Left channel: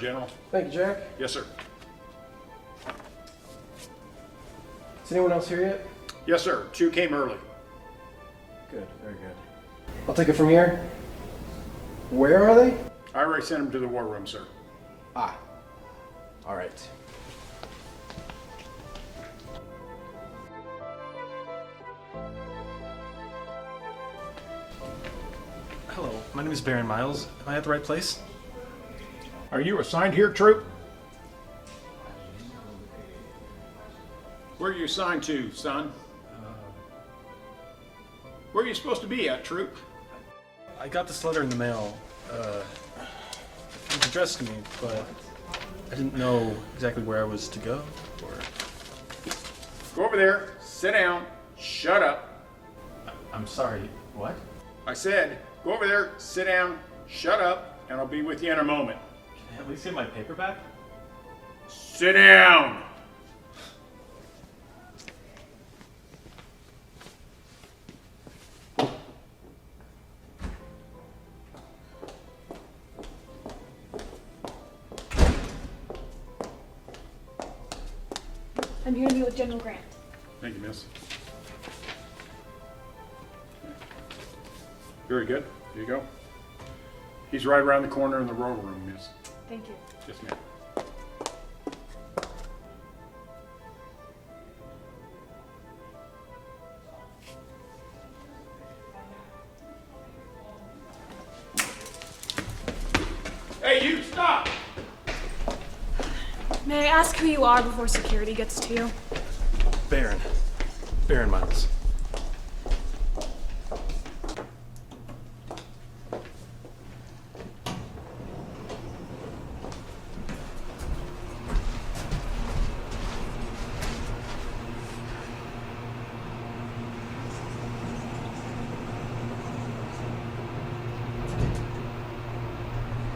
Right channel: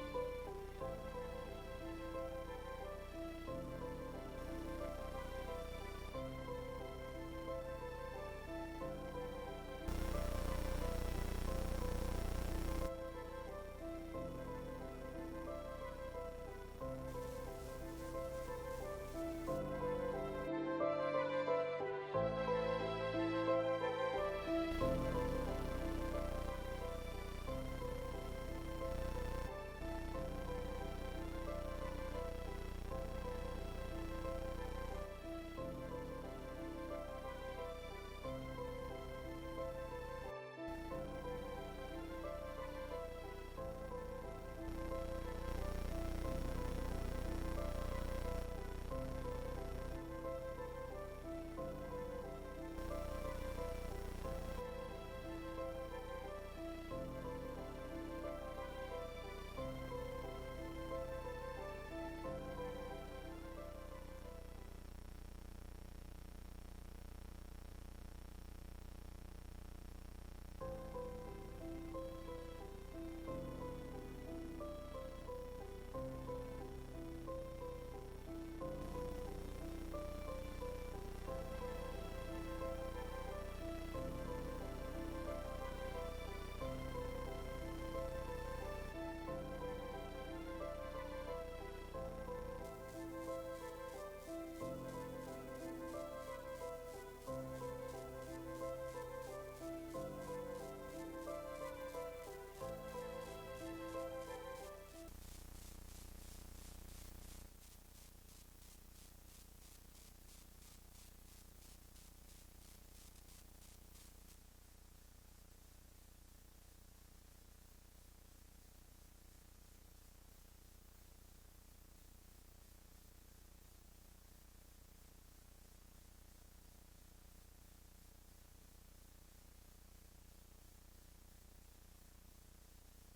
General. Thank you, Jack. Yes, sir. Is anyone else here yet? Yes, sir. 2 came early. Good, very good. I'll take it from here. Where are they? I already sent them to the war room, sir. Ah. All right. Hello, my name is Baron Miles. Am I at the right place? Are you assigned here, troop? Where are you assigned to, son? Where are you supposed to be at, troop? I got this letter in the mail. It was addressed to me, but I didn't know exactly where I was to go. Go over there, sit down, shut up. I'm sorry, what? I said, go over there, sit down, shut up, and I'll be with you in a moment. Can I at least get my paper back? Sit down! I'm here to meet with General Grant. Thank you, miss. Very good. Here you go. He's right around the corner in the roll room, miss. Thank you. Yes, ma'am. Hey, you, stop! May I ask who you are before security gets to you? Baron Miles.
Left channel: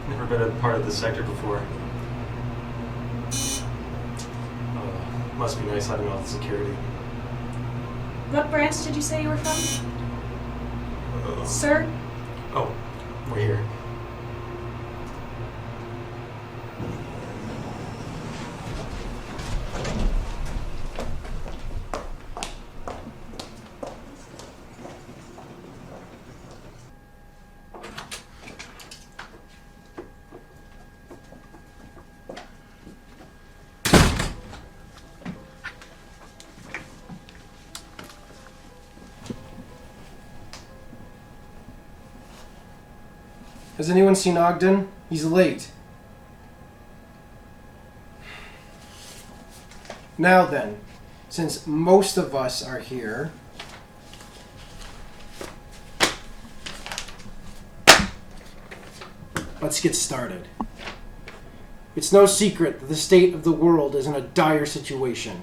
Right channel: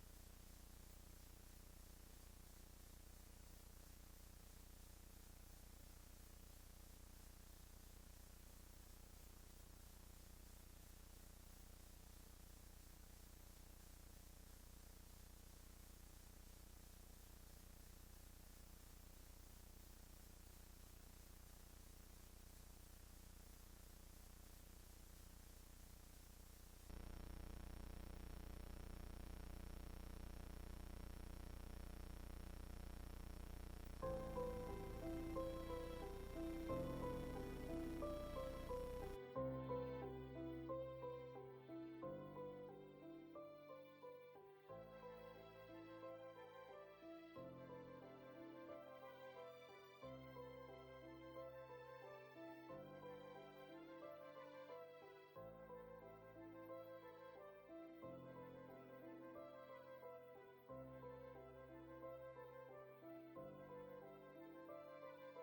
Never been a part of this sector before. Must be nice having all the security. What branch did you say you were from? Sir? Oh, we're here. Has anyone seen Ogden? He's late. Now then, since most of us are here, let's get started. It's no secret that the state of the world is in a dire situation.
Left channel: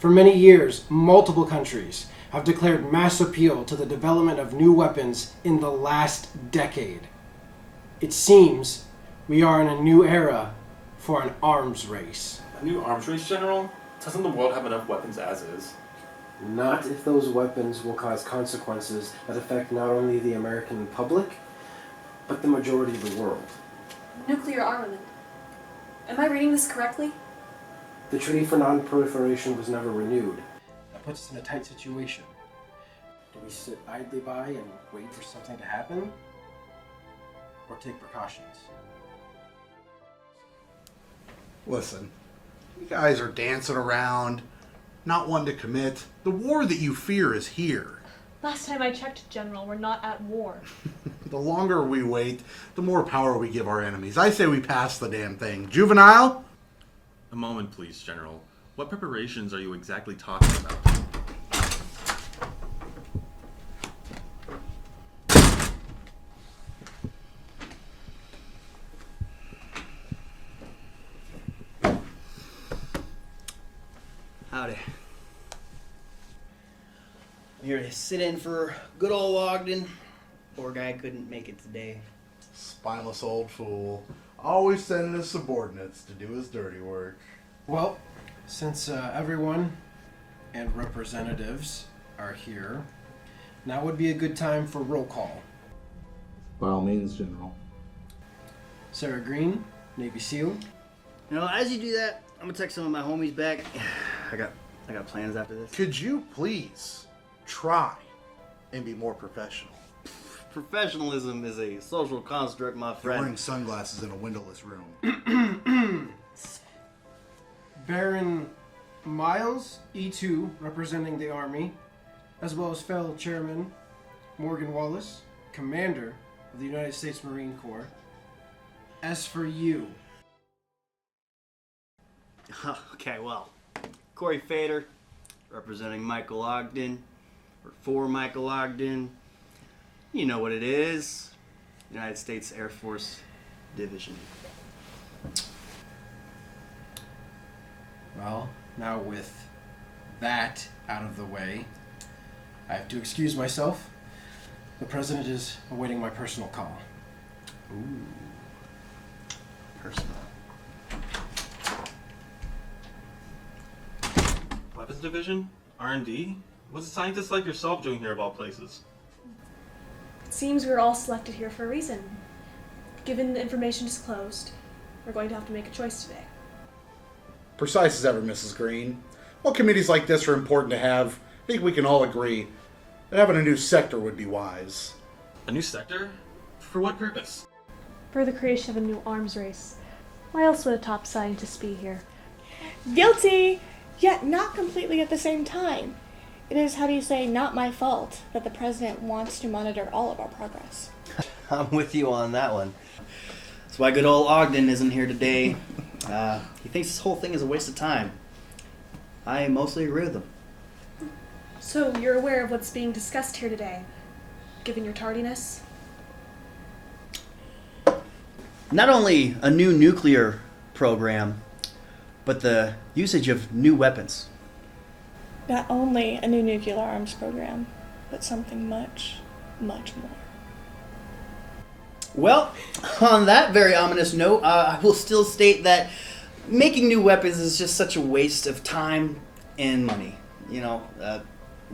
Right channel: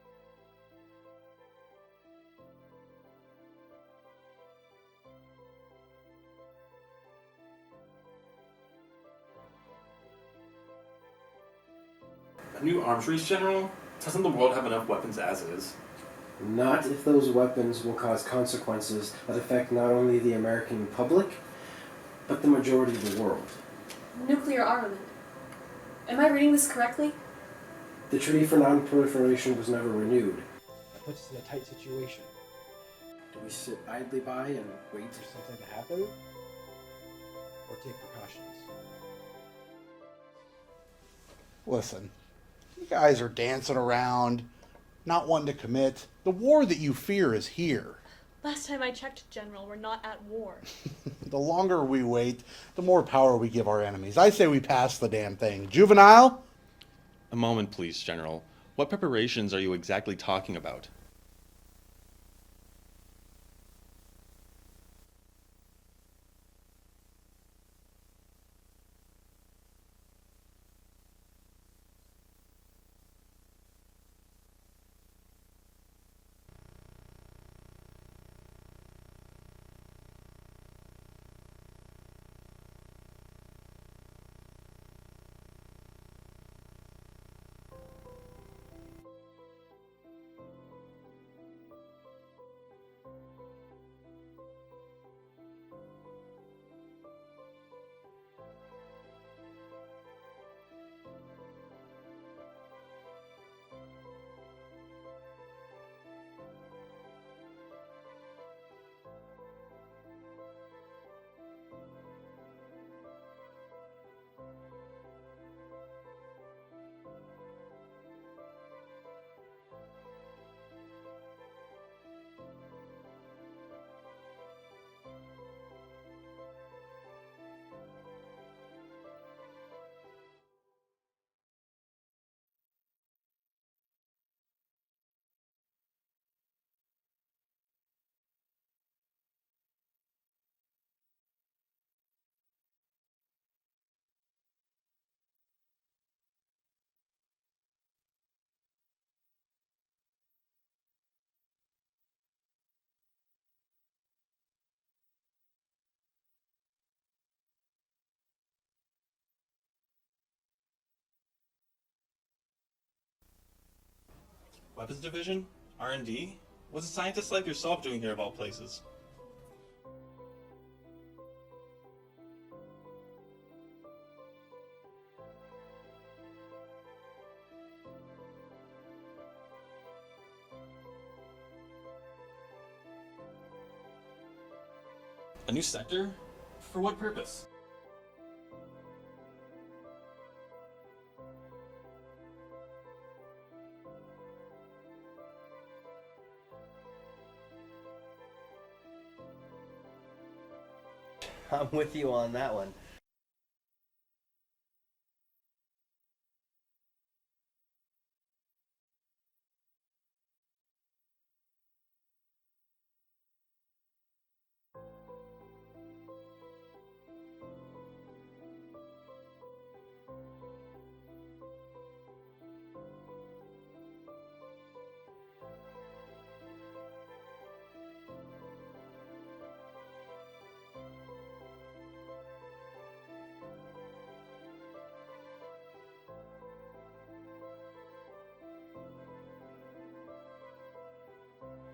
For many years, multiple countries have declared mass appeal to the development of new weapons in the last decade. It seems we are in a new era for an arms race. A new arms race, General? Doesn't the world have enough weapons as is? Not if those weapons will cause consequences that affect not only the American public, but the majority of the world. Nuclear armament. Am I reading this correctly? The Treaty for Non-Proliferation was never renewed. That puts us in a tight situation. Do we sit idly by and wait for something to happen? Or take precautions? Listen, you guys are dancing around, not one to commit. The war that you fear is here. Last time I checked, General, we're not at war. The longer we wait, the more power we give our enemies. I say we pass the damn thing. Juvenile? A moment, please, General. What preparations are you exactly talking about? Howdy. Here to sit in for good old Ogden. Poor guy couldn't make it today. Spineless old fool. Always sending his subordinates to do his dirty work. Well, since everyone and representatives are here, now would be a good time for roll call. By all means, General. Sara Green, Navy SEAL. You know, as you do that, I'm gonna text some of my homies back. I got plans after this. Could you please try and be more professional? Professionalism is a social construct, my You're friend. wearing sunglasses in a windowless room. Baron Miles, E2, representing the Army, as well as fellow Chairman Morgan Wallace, Commander of the United States Marine Corps. As for you, Okay, well, Corey Fader, representing Michael Ogden, or for Michael Ogden. You know what it is. United States Air Force Division. well, now with that out of the way, I have to excuse myself. The President is awaiting my personal call. Personal. Weapons division? R&D? What's a scientist like yourself doing here of all places? It seems we were all selected here for a reason. Given the information disclosed, we're going to have to make a choice today. Precise as ever, Mrs. Green. While committees like this are important to have, I think we can all agree that having a new sector would be wise. A new sector? For what purpose? For the creation of a new arms race. Why else would a top scientist be here? Guilty, yet not completely at the same time. It is, how do you say, not my fault that the president wants to monitor all of our progress. I'm with you on that one. That's why good old Ogden isn't here today. He thinks this whole thing is a waste of time. I mostly agree with him. So you're aware of what's being discussed here today, given your tardiness? Not only a new nuclear program, but the usage of new weapons. Not only a new nuclear arms program, but something much, much more. Well, on that very ominous note, I will still state that making new weapons is just such a waste of time and money. You know,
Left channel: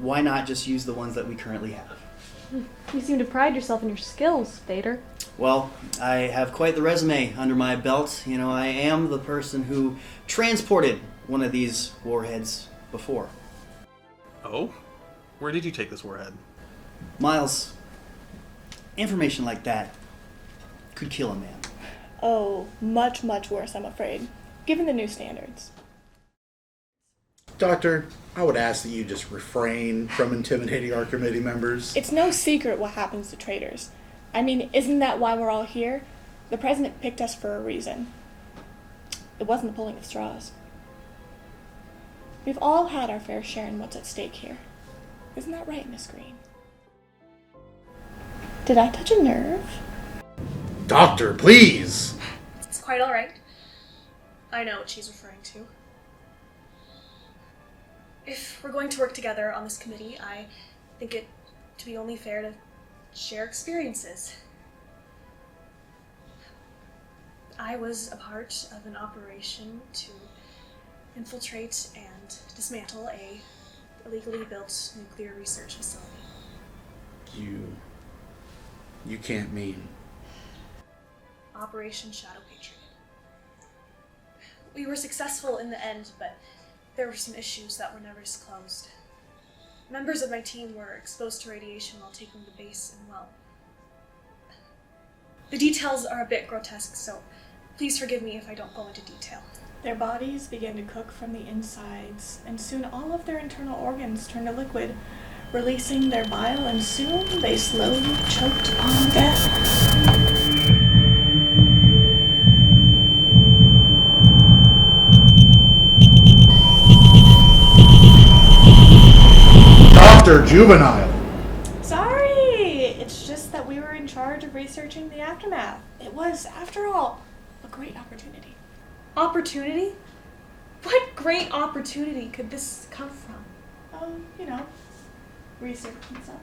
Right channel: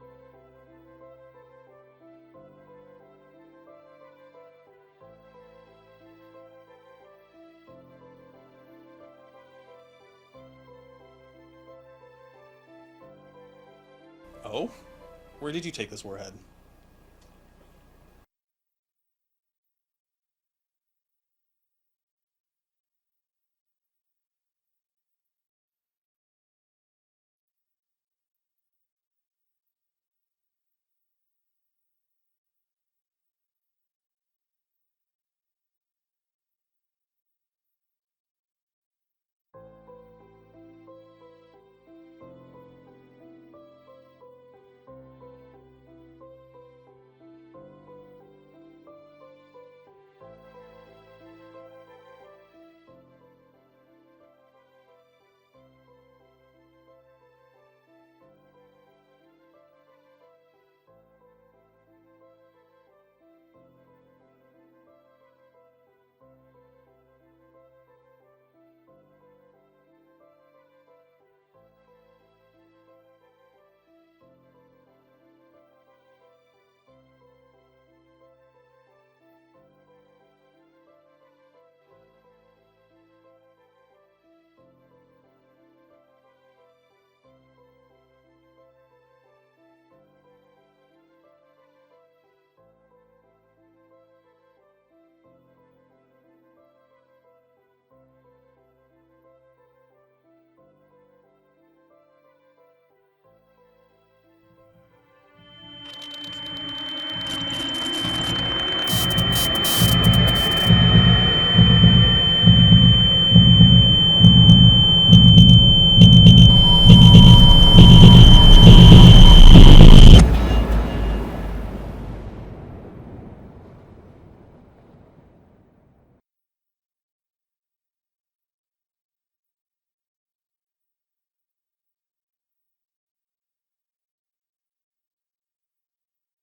why not just use the ones that we currently have? You seem to pride yourself in your skills, Vader. Well, I have quite the resume under my belt. You know, I am the person who transported one of these warheads before. Oh? Where did you take this warhead? Miles, information like that could kill a man. Oh, much, much worse, I'm afraid, given the new standards. Doctor, I would ask that you just refrain from intimidating our committee members. It's no secret what happens to traitors. I mean, isn't that why we're all here? The president picked us for a reason. It wasn't the pulling of straws. We've all had our fair share in what's at stake here. Isn't that right, Miss Green? Did I touch a nerve? Doctor, please! It's quite all right. I know what she's referring to. If we're going to work together on this committee, I think it to be only fair to share experiences. I was a part of an operation to infiltrate and dismantle a illegally built nuclear research facility. You can't mean... Operation Shadow Patriot. We were successful in the end, but there were some issues that were never disclosed. Members of my team were exposed to radiation while taking the base and well. The details are a bit grotesque, so please forgive me if I don't go into detail. Their bodies began to cook from the insides, and soon all of their internal organs turned to liquid, releasing their bile, and soon they slowly choked on death. Dr. Juvenile! Sorry! It's just that we were in charge of researching the aftermath. It was, after all, a great opportunity. Opportunity? What great opportunity could this come from? You know, research and such.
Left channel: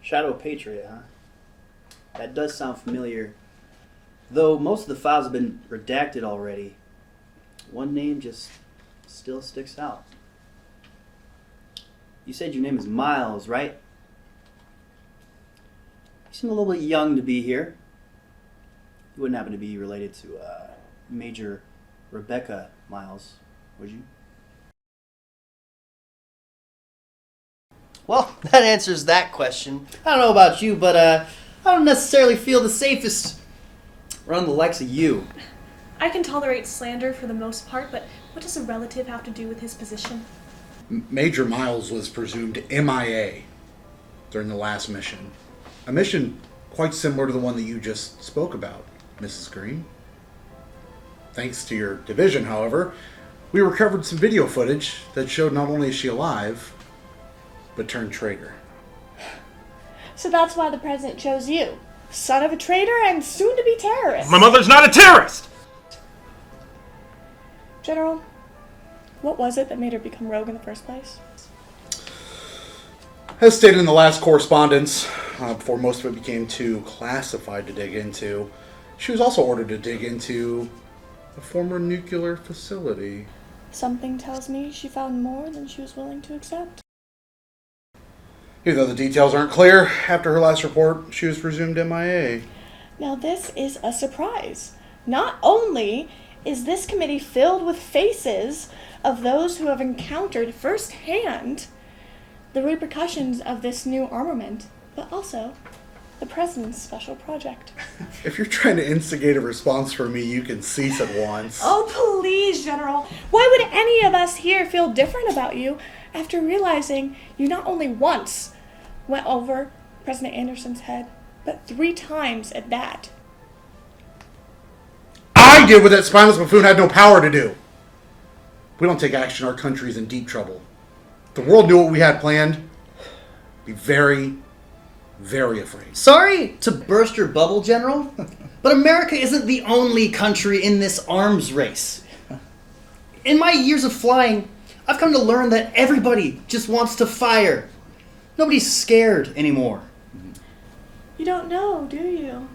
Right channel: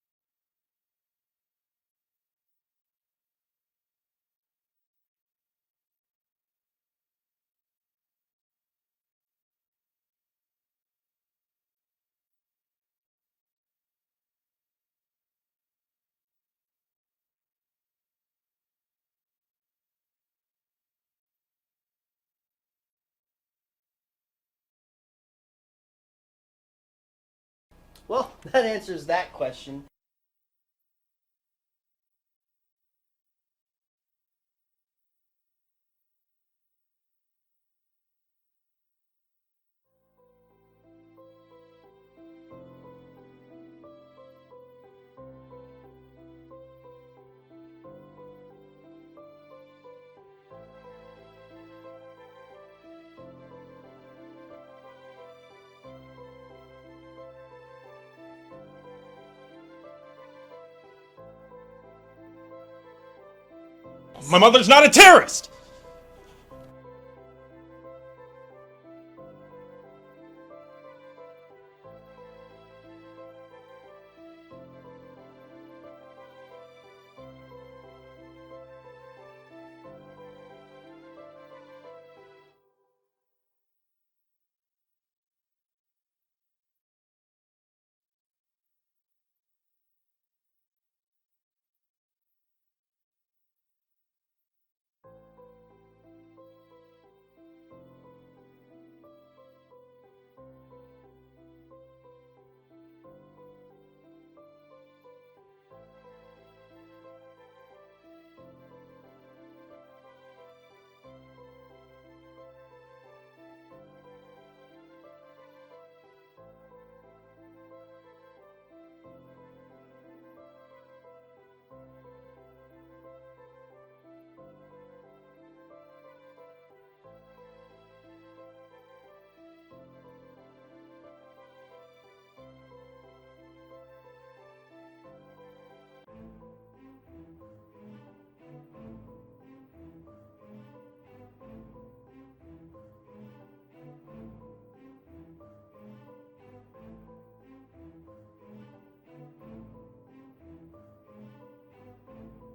Shadow Patriot, huh? That does sound familiar. Though most of the files have been redacted already, one name just still sticks out. You said your name is Miles, right? You seem a little bit young to be here. You wouldn't happen to be related to Major Rebecca Miles, would you? Well, that answers that question. I don't know about you, but I don't necessarily feel the safest around the likes of you. I can tolerate slander for the most part, but what does a relative have to do with his position? Major Miles was presumed MIA during the last mission. A mission quite similar to the one that you just spoke about, Mrs. Green. Thanks to your division, however, we recovered some video footage that showed not only is she alive, but turned traitor. So that's why the president chose you. Son of a traitor and soon-to-be terrorist. My mother's not a terrorist! General, what was it that made her become rogue in the first place? As stated in the last correspondence, before most of it became too classified to dig into, she was also ordered to dig into a former nuclear facility. Something tells me she found more than she was willing to accept. Even though the details aren't clear, after her last report, she was presumed MIA. Now this is a surprise. Not only is this committee filled with faces of those who have encountered firsthand the repercussions of this new armament, but also the president's special project. If you're trying to instigate a response from me, you can cease at once. Oh, please, General. Why would any of us here feel different about you after realizing you not only once went over President Anderson's head, but 3 times at that? I did what that spineless buffoon had no power to do. If we don't take action, our country's in deep trouble. If the world knew what we had planned, be very, very afraid. Sorry to burst your bubble, General, but America isn't the only country in this arms race. In my years of flying, I've come to learn that everybody just wants to fire. Nobody's scared anymore. You don't know, do you?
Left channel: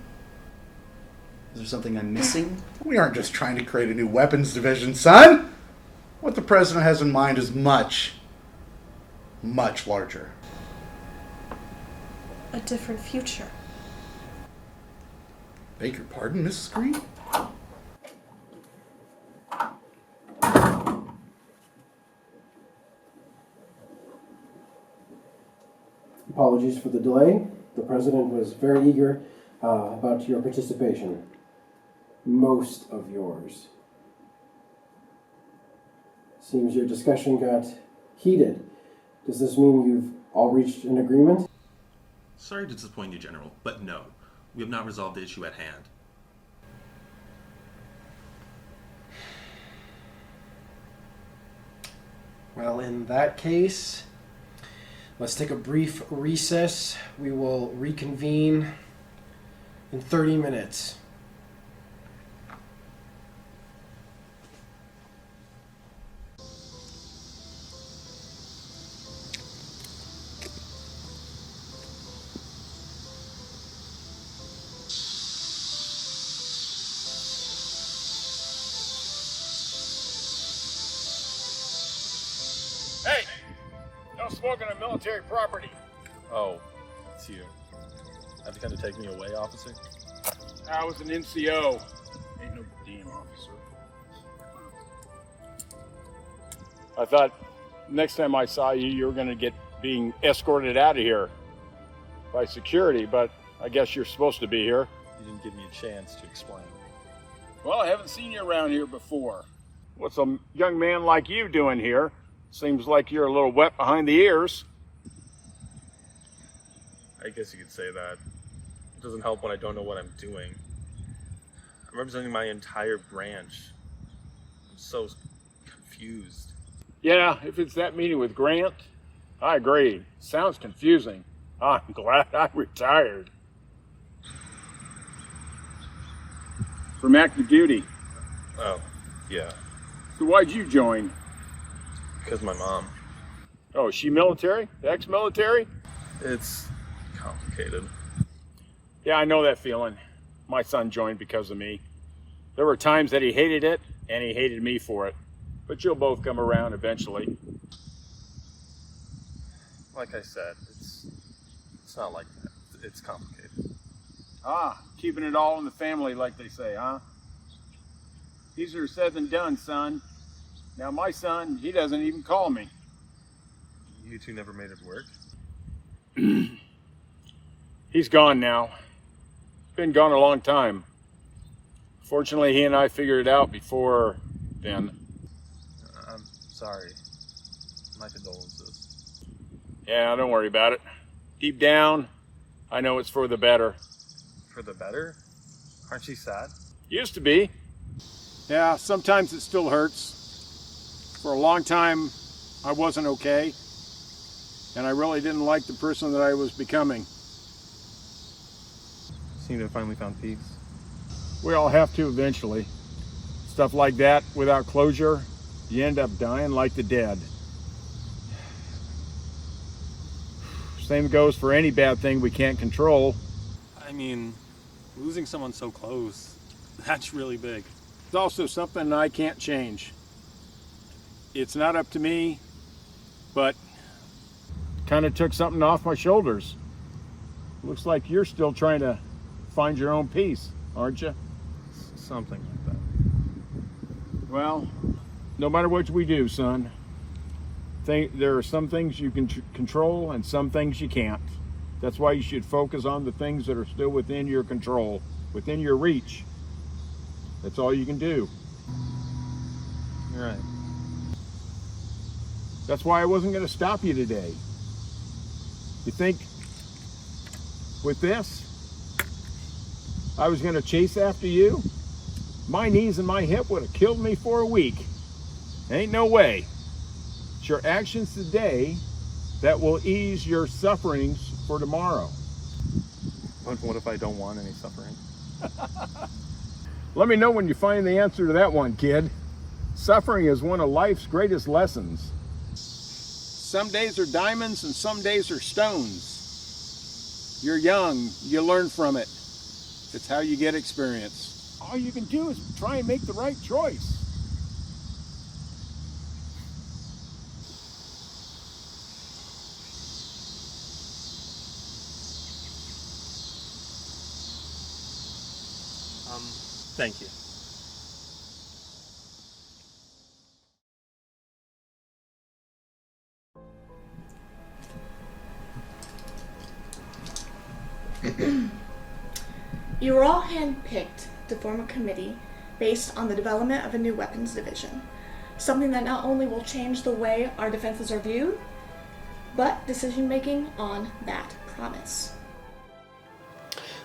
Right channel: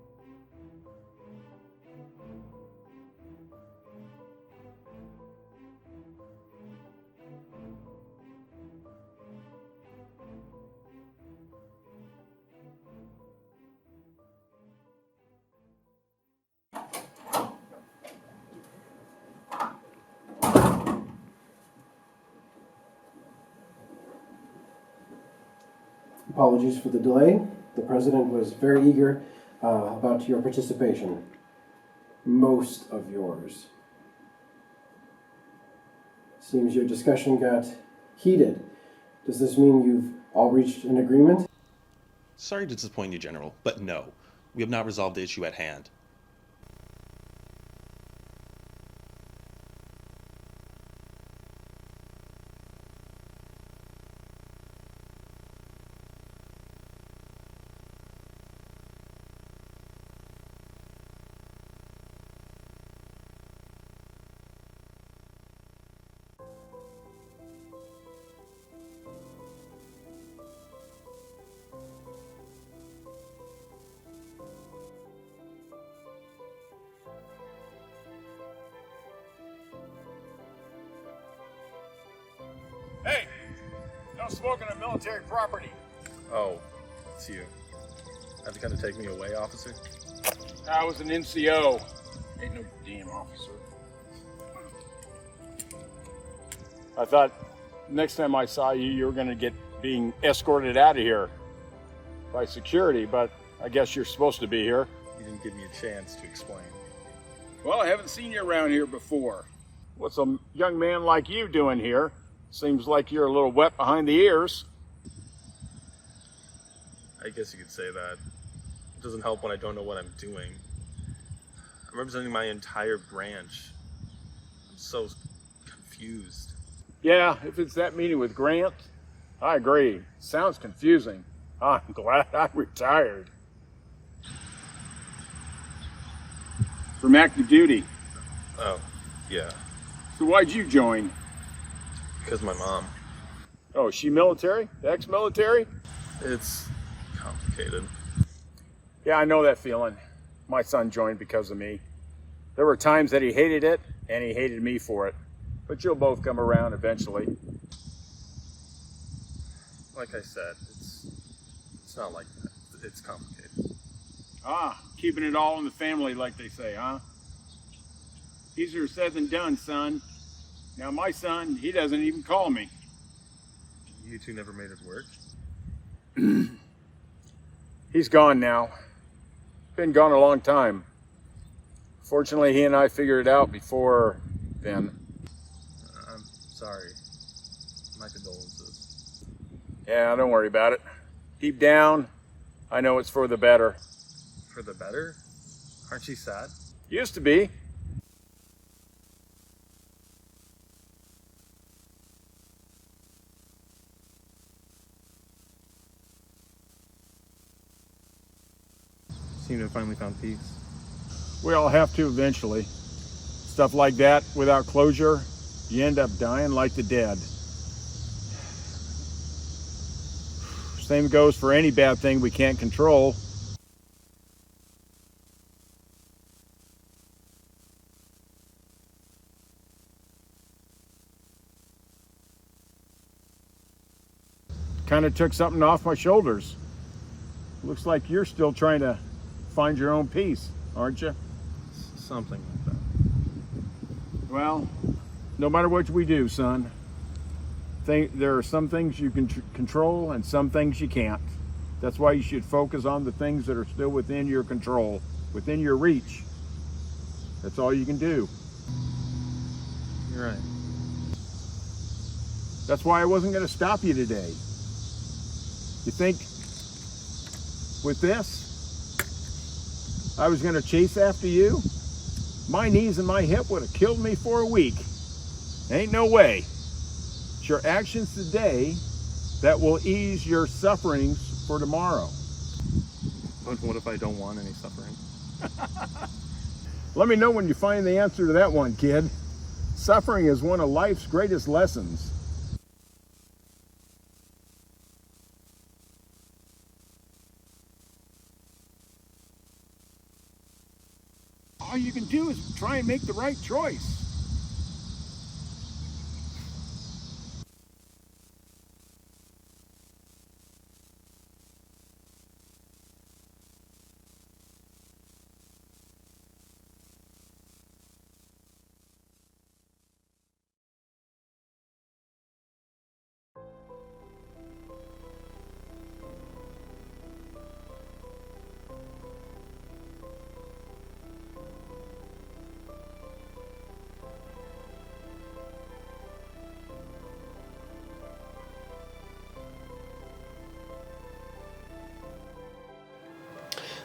Is there something I'm missing? We aren't just trying to create a new weapons division, son. What the president has in mind is much, much larger. A different future. Beg your pardon, Mrs. Green? Apologies for the delay. The president was very eager about your participation. Most of yours. Seems your discussion got heated. Does this mean you've all reached an agreement? Sorry to disappoint you, General, but no. We have not resolved the issue at hand. Well, in that case, let's take a brief recess. We will reconvene in 30 minutes. Hey! No smoking on military property. Oh, it's you. Have to kind of take me away, officer? I was an NCO. Ain't no damn officer. I thought next time I saw you, you were going to get being escorted out of here by security, but I guess you're supposed to be here. You didn't give me a chance to explain. Well, I haven't seen you around here before. What's a young man like you doing here? Seems like you're a little wet behind the ears. I guess you could say that. It doesn't help when I don't know what I'm doing. I'm representing my entire branch. I'm so confused. Yeah, if it's that meeting with Grant, I agree. Sounds confusing. I'm glad I retired. From active duty. Oh, yeah. So why'd you join? Because my mom. Oh, is she military? Ex-military? It's complicated. Yeah, I know that feeling. My son joined because of me. There were times that he hated it, and he hated me for it. But you'll both come around eventually. Like I said, it's not like that. It's complicated. Ah, keeping it all in the family, like they say, huh? Easier said than done, son. Now my son, he doesn't even call me. You two never made it work? He's gone now. Been gone a long time. Fortunately, he and I figured it out before then. I'm sorry. My condolences. Yeah, don't worry about it. Deep down, I know it's for the better. For the better? Aren't you sad? Used to be. Yeah, sometimes it still hurts. For a long time, I wasn't okay. And I really didn't like the person that I was becoming. Seem to have finally found peace. We all have to eventually. Stuff like that, without closure, you end up dying like the dead. Same goes for any bad thing we can't control. I mean, losing someone so close, that's really big. It's also something I can't change. It's not up to me, but kind of took something off my shoulders. Looks like you're still trying to find your own peace, aren't you? Something like that. Well, no matter what we do, son, there are some things you can control and some things you can't. That's why you should focus on the things that are still within your control, within your reach. That's all you can do. You're right. That's why I wasn't going to stop you today. You think with this, I was going to chase after you? My knees and my hip would have killed me for a week. Ain't no way. It's your actions today that will ease your sufferings for tomorrow. But what if I don't want any suffering? Let me know when you find the answer to that one, kid. Suffering is one of life's greatest lessons. Some days are diamonds and some days are stones. You're young, you learn from it. It's how you get experience. All you can do is try and make the right choice. Thank you. You were all handpicked to form a committee based on the development of a new weapons division. Something that not only will change the way our defenses are viewed, but decision-making on that promise.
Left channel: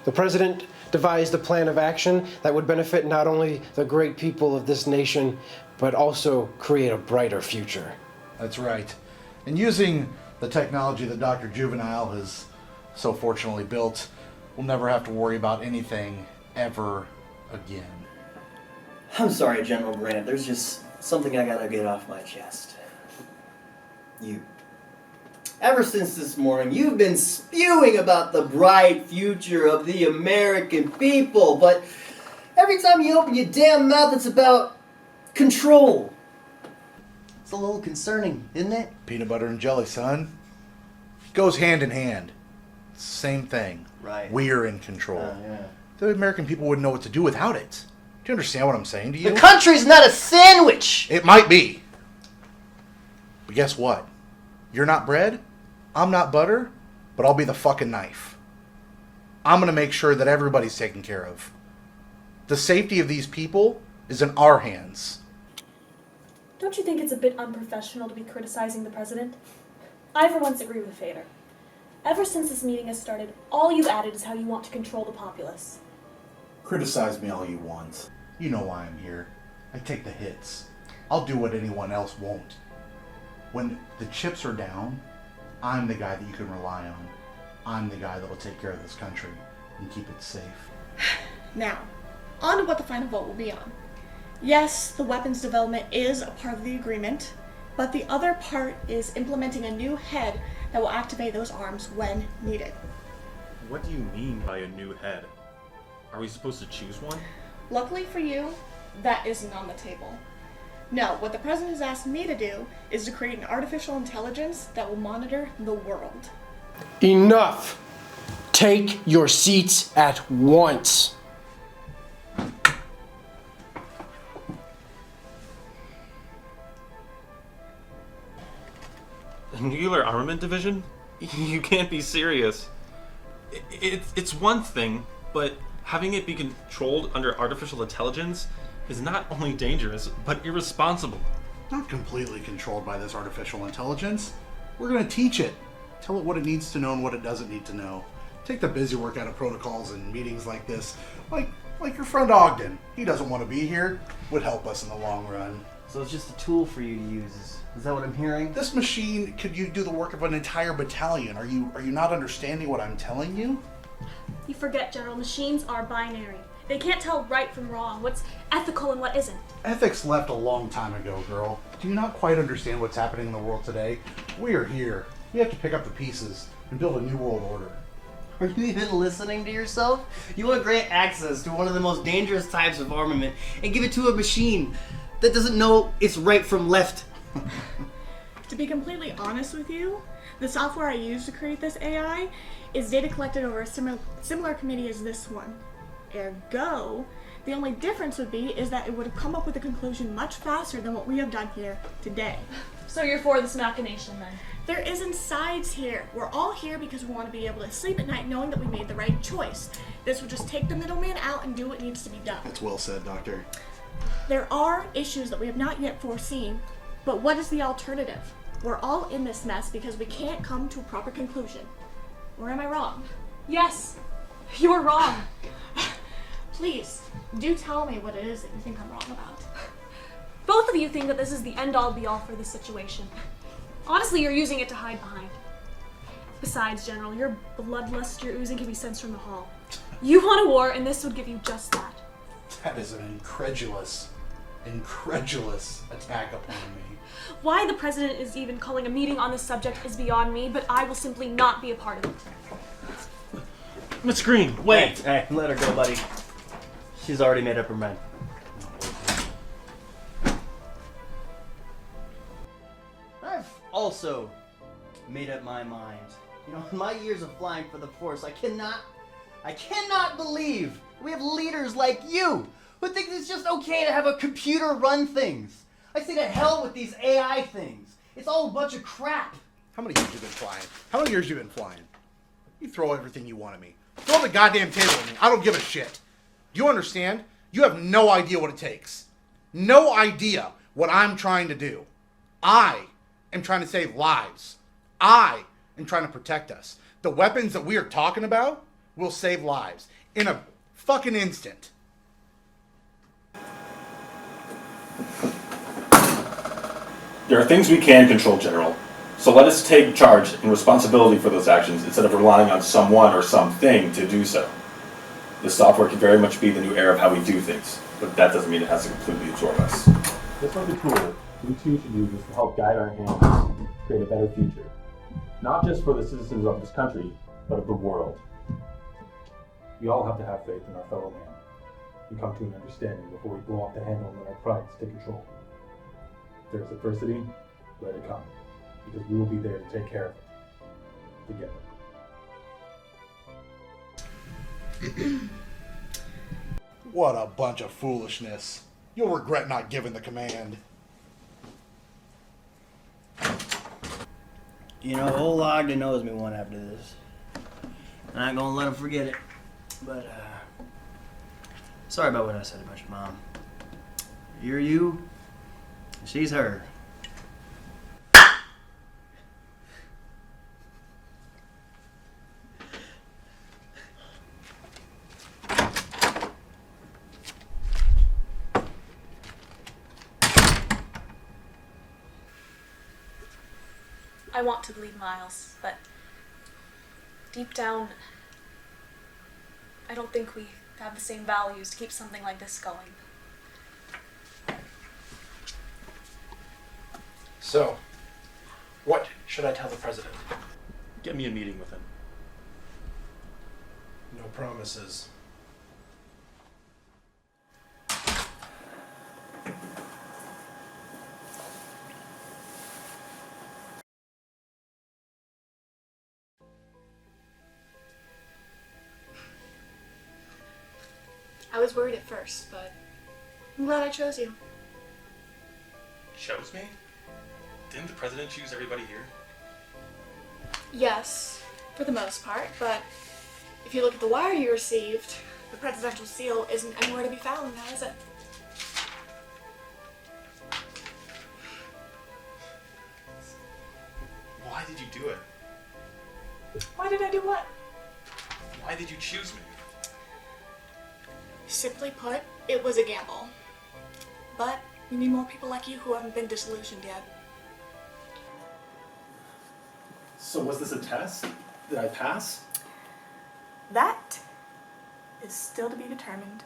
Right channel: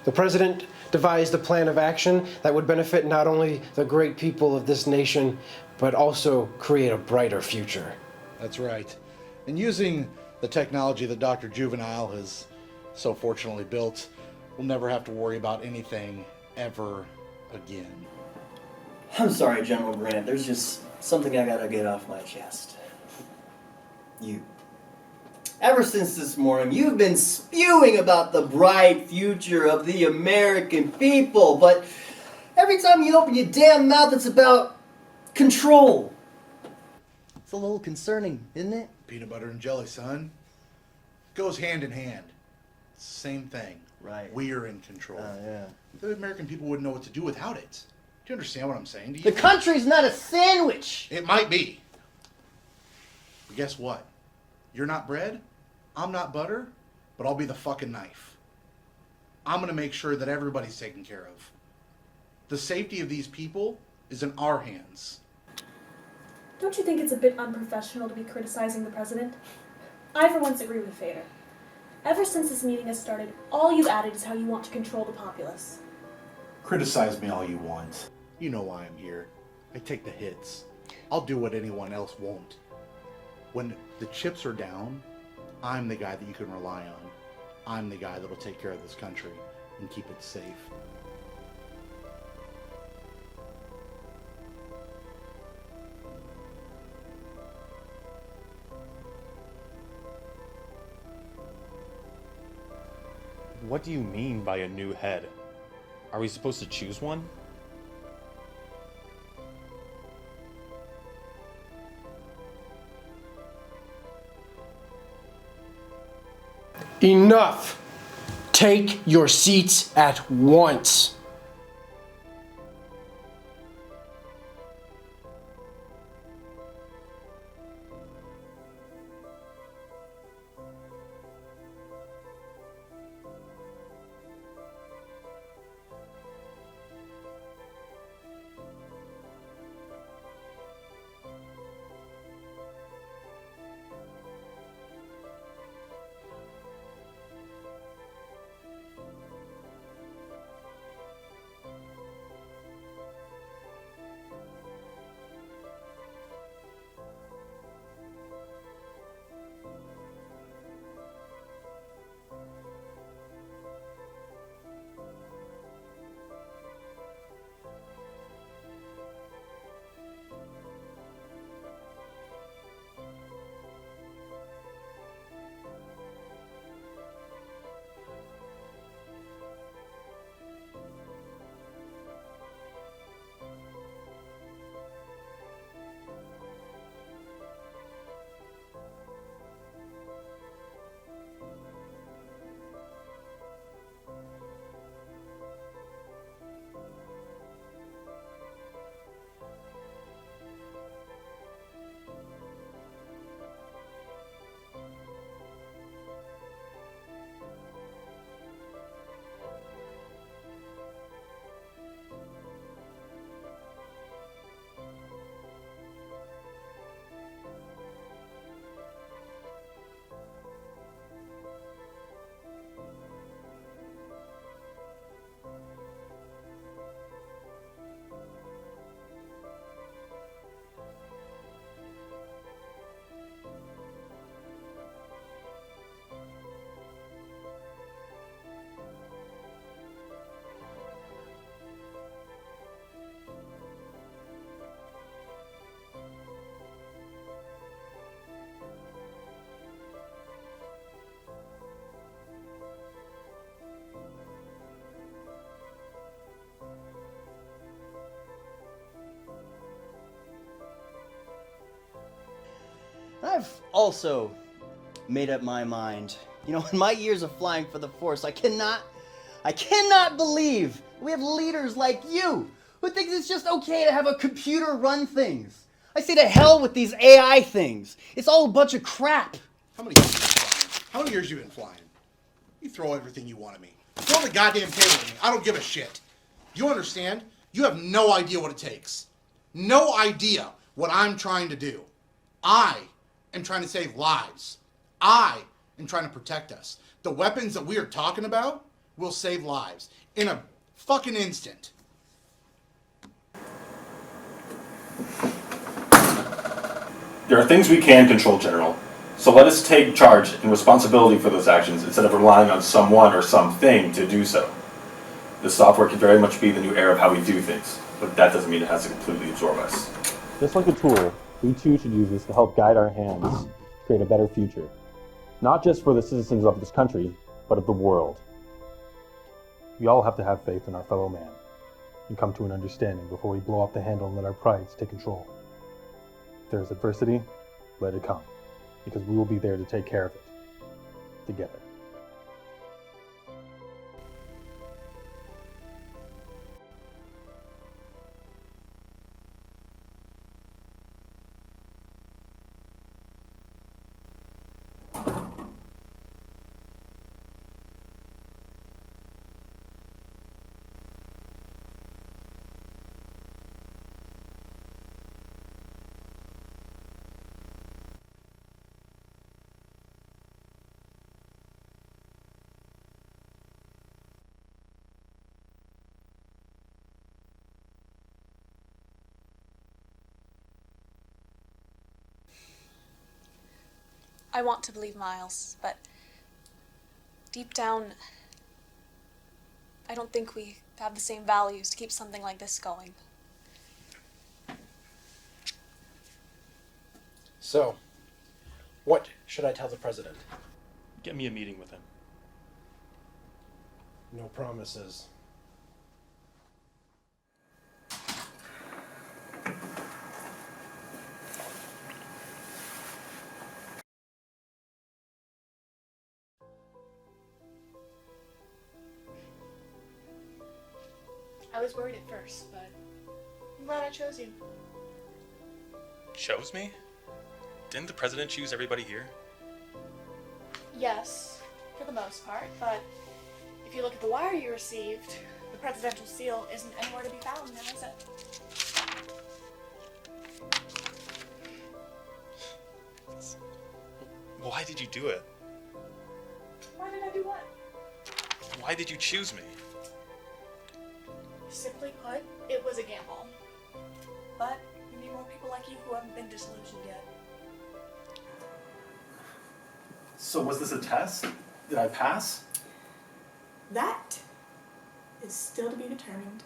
The President devised a plan of action that would benefit not only the great people of this nation, but also create a brighter future. That's right. And using the technology that Dr. Juvenile has so fortunately built, we'll never have to worry about anything ever again. I'm sorry, General Grant. There's just something I gotta get off my chest. Ever since this morning, you've been spewing about the bright future of the American people, but every time you open your damn mouth, it's about control. It's a little concerning, isn't it? Peanut butter and jelly, son. Goes hand in hand. It's the same thing. Right. We're in control. Yeah. The American people wouldn't know what to do without it. Do you understand what I'm saying to you? The country's not a sandwich! It might be. But guess what? You're not bread, I'm not butter, but I'll be the fucking knife. I'm gonna make sure that everybody's taken care of. The safety of these people is in our hands. Don't you think it's a bit unprofessional to be criticizing the president? I for once agree with Fader. Ever since this meeting has started, all you've added is how you want to control the populace. Criticize me all you want. You know why I'm here. I take the hits. I'll do what anyone else won't. When the chips are down, I'm the guy that you can rely on. I'm the guy that'll take care of this country and keep it safe. Now, on to what the final vote will be on. Yes, the weapons development is a part of the agreement, but the other part is implementing a new head that will activate those arms when needed. What do you mean by a new head? Are we supposed to choose one? Luckily for you, that isn't on the table. No, what the president has asked me to do is to create an artificial intelligence that will monitor the world. Enough! Take your seats at once. The Nuclear Armament Division? You can't be serious. It's one thing, but having it be controlled under artificial intelligence is not only dangerous, but irresponsible. Not completely controlled by this artificial intelligence. We're going to teach it. Tell it what it needs to know and what it doesn't need to know. Take the busy work out of protocols and meetings like this. Like your friend Ogden. He doesn't want to be here. Would help us in the long run. So it's just a tool for you to use. Is that what I'm hearing? This machine could you do the work of an entire battalion. Are you not understanding what I'm telling you? You forget, General. Machines are binary. They can't tell right from wrong, what's ethical and what isn't. Ethics left a long time ago, girl. Do you not quite understand what's happening in the world today? We are here. We have to pick up the pieces and build a new world order. Are you even listening to yourself? You want to grant access to one of the most dangerous types of armament and give it to a machine that doesn't know its right from left. To be completely honest with you, the software I used to create this AI is data collected over a similar committee as this one. Ergo, the only difference would be is that it would have come up with a conclusion much faster than what we have done here today. So you're for this machination then? There isn't sides here. We're all here because we want to be able to sleep at night knowing that we made the right choice. This would just take the middleman out and do what needs to be done. That's well said, Doctor. There are issues that we have not yet foreseen, but what is the alternative? We're all in this mess because we can't come to a proper conclusion. Or am I wrong? Yes, you are wrong. Please, do tell me what it is that you think I'm wrong about. Both of you think that this is the end-all be-all for this situation. Honestly, you're using it to hide behind. Besides, General, your bloodlust you're oozing can be sensed from the hall. You want a war, and this would give you just that. That is an incredulous attack upon me. Why the president is even calling a meeting on this subject is beyond me, but I will simply not be a part of it. Miss Green, wait! Hey, let her go, buddy. She's already made up her mind. I've also made up my mind. You know, in my years of flying for the Force, I cannot believe we have leaders like you who think it's just okay to have a computer run things. I say to hell with these AI things. It's all a bunch of crap. How many years have you been flying? How many years have you been flying? You throw everything you want at me. Throw the goddamn camera at me. I don't give a shit. Do you understand? You have no idea what it takes. No idea what I'm trying to do. I am trying to save lives. I am trying to protect us. The weapons that we are talking about will save lives in a fucking instant. There are things we can control, General. So let us take charge and responsibility for those actions instead of relying on someone or something to do so. The software can very much be the new era of how we do things, but that doesn't mean it has to completely absorb us. Just like a tool, we too should use this to help guide our hands, create a better future. Not just for the citizens of this country, but of the world. We all have to have faith in our fellow man and come to an understanding before we blow up the handle and let our prides take control. If there's adversity, let it come, because we will be there to take care of it, together. What a bunch of foolishness. You'll regret not giving the command. You know, old Ogden knows me one after this. I'm not gonna let him forget it. But, sorry about what I said about your mom. You're you, she's her. I want to believe Miles, but deep down, I don't think we have the same values to keep something like this going. So, what should I tell the president? Get me a meeting with him. No promises. I was worried at first, but I'm glad I chose you. Chose me? Didn't the president choose everybody here? Yes, for the most part, but if you look at the wire you received, the presidential seal isn't anywhere to be found now, is it? Why did you do it? Why did I do what? Why did you choose me? Simply put, it was a gamble. But we need more people like you who haven't been disillusioned yet. So was this a test? Did I pass? That is still to be determined.